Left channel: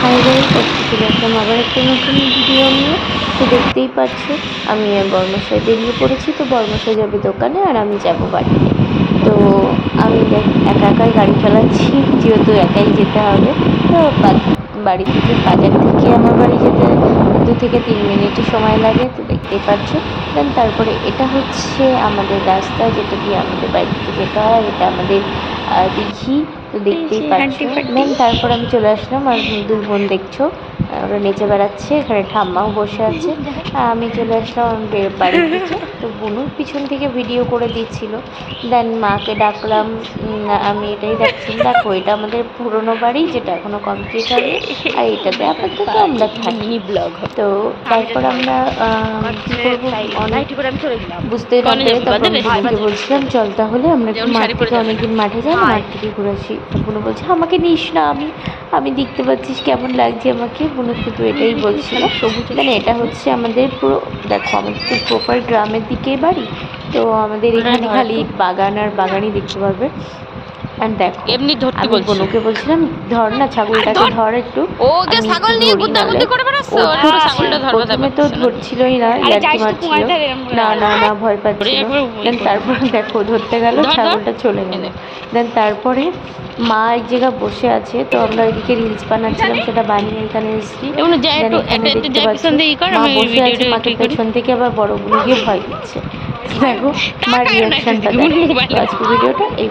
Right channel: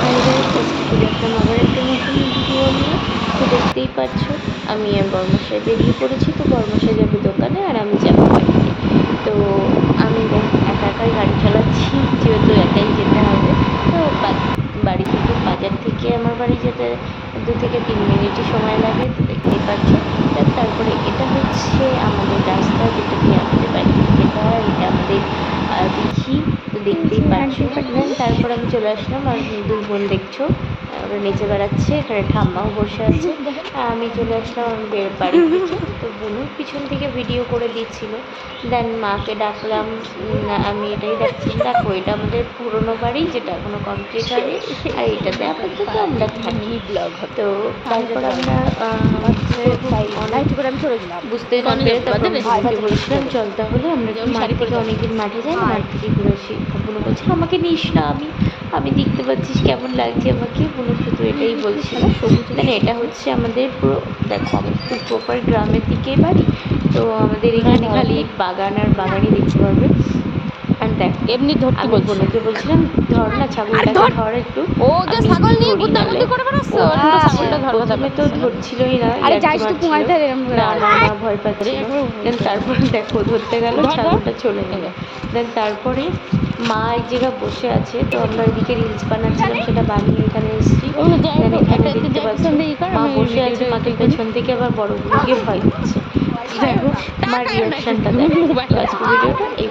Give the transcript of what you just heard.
Hi guys, আজকে চলে আসলাম আবার একটা নতুন ভিডিও নিয়ে। তো দেখতেই পাচ্ছ আমি আর বর্মশাই বেরিয়ে পড়েছি। তো বর্মশাই যাবে দোকানে আর আমি যাবো বাড়িতে। তো আমি একা একাই গাড়ি চালাচ্ছি, যেহেতু একাই যেতে হবে। তো বাড়ি থেকে বাজার থেকে আমার বাড়ি যেতে 2 থেকে 3 মিনিট সময় লাগে, তো দেখতেই পাচ্ছ। দেন তারপরে এটা হচ্ছে আমাদের রাস্তা, যেটা দিয়ে আমাদের বাড়ি থেকে যেতে হয়। এটা আমাদের দিঘি, তো দেখতেই পাচ্ছ। দেন তারপর আমি চলে আসলাম, আর দুই বোন দেখছো ওরা নেচে বেড়াচ্ছে, এখানে ঠাম্মাও বসে আছে। আমি চলে আসলাম বাড়ির দিকে। তো বোনুর পিছন থেকে ভিডিও করে দিচ্ছিল। দেন মাকে ডাকলাম। আমি এটাই ডাকছিলাম, দেখো এটা আমাদের পুরোনো বাড়ি, যেটা এখনো কমপ্লিট হয়নি, আর এটাতে আপাতত আমরা থাকি। তো তারপর আমরা বুঝতেই না পেরে তারপর বোনকে বলছিলাম চল তাহলে আমরা মাঠ থেকে অনেকদিন মাঠে যাই, মাঠ থেকে ঘুরে আসি। বোনু বলছে আমাকে নিস না, আমি দেখতে পাচ্ছিস কেমন লাগছে আমাকে। বোনু শুধু এটাই বলছিল। মানে এটা হচ্ছে আমাদের পুরো, দেখো আমাদের তো প্রপার গ্রামের দিকেই বাড়ি। তো আমাদের এখানে খালি বাগান আর বাগানই দেখতে পারবে। আর দেখো এমনি ধরতে আমি বলছি। বোনুকে বলছিলাম ধর না ছাগলটাকে, ধর একটু। ও যে আমি ছাগল নিয়ে ধরি নাহলে। গুদ্দাগুদ্দি করে বেড়াচ্ছে, ও ওর তো ধরছে, ছাগলটা ধরবা প্রথমে তো পারতেছে না। ধরছিলই না, ইয়ার্কি মারছিল, না না না ভয় ওরে পাচ্ছিল। একবার ওই দেন করে তারপর দেখো ধরতে গেল, ধর ধর ছাগলটা চলে গেল। এনে দেন তারপরে মা এক জায়গায় বসে আছে, তো আমরা এদিকে রিলস বানাচ্ছিলাম, সেটা বানিয়ে এখানে এসেছি। এমন যা দেন একটু এখানে এটা একটু দেখতে যা পাচ্ছ পিছন দিয়ে ই কর, মা আমি বসে আছে, ভিডিওটা মাকে একটু ই করি। পেছন থেকে আবার বড়গুলো গিয়ে ভয় দিচ্ছে। দেখো মার তাকায় না একটু রিয়াকশনটা দিকে দেখো। তো মোবাইলে। আজকে ভিডিওটা এই